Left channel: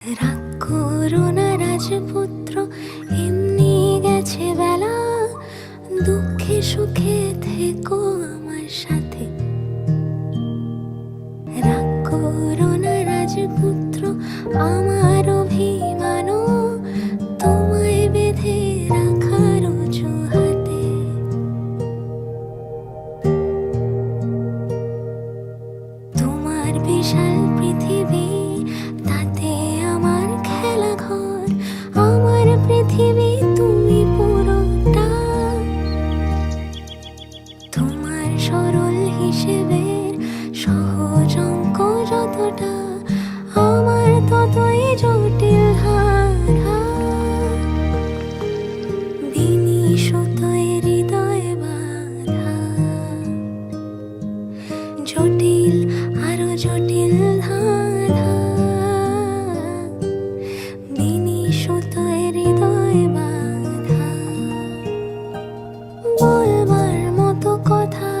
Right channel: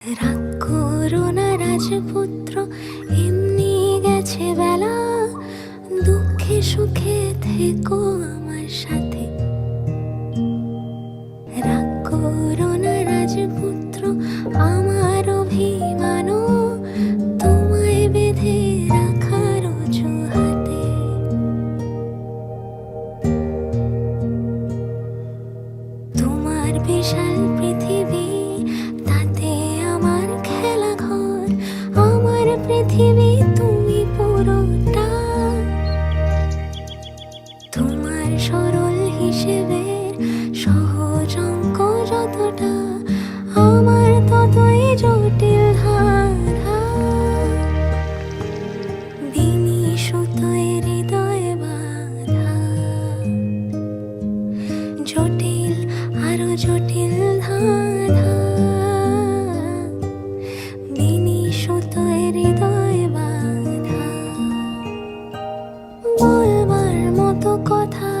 রাগ করো না রাজপুত্র, এমনি গেছে বেলা। দুঃখে সুখে থেকো আমার সাথে। রাগ করো না রাজপুত্র, আমার অভিমান তোমায় বেঁধে রাখার হাতে তোমার বিশাল পৃথিবী তুমি পুরোটা। তোমার সরল যতটা আমার ততই জটিল হৃদয় জটিল আরও জটিল ধাঁধা মতো কথা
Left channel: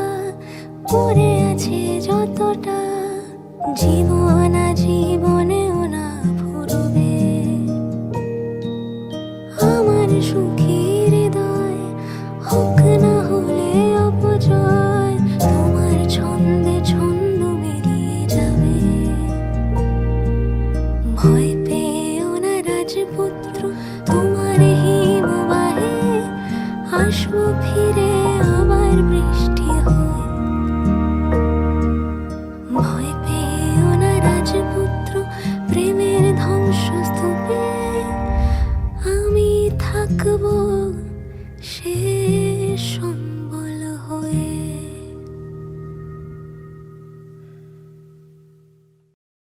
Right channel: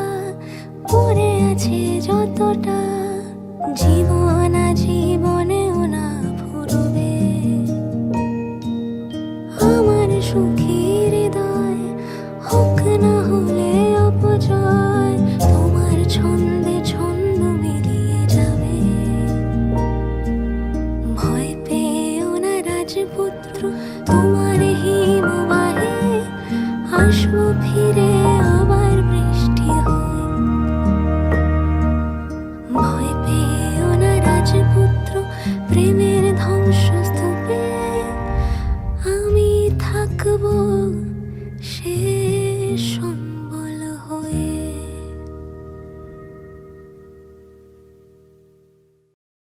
পড়ে আছে যতটা জীবন জীবনেও না ফুরবে। আমার সুখী হৃদয় হোক না হলে অপজয় তোমার ছন্দে ছন্দ মিলিয়ে যাবে। ভয় পেও না রাজপুত্র, তোমার হিমবাহে আসব ফিরে আবার বৃষ্টি হয়। ভয় রাজপুত্র প্রেমের ধ্বংসস্তূপে আমি থাকব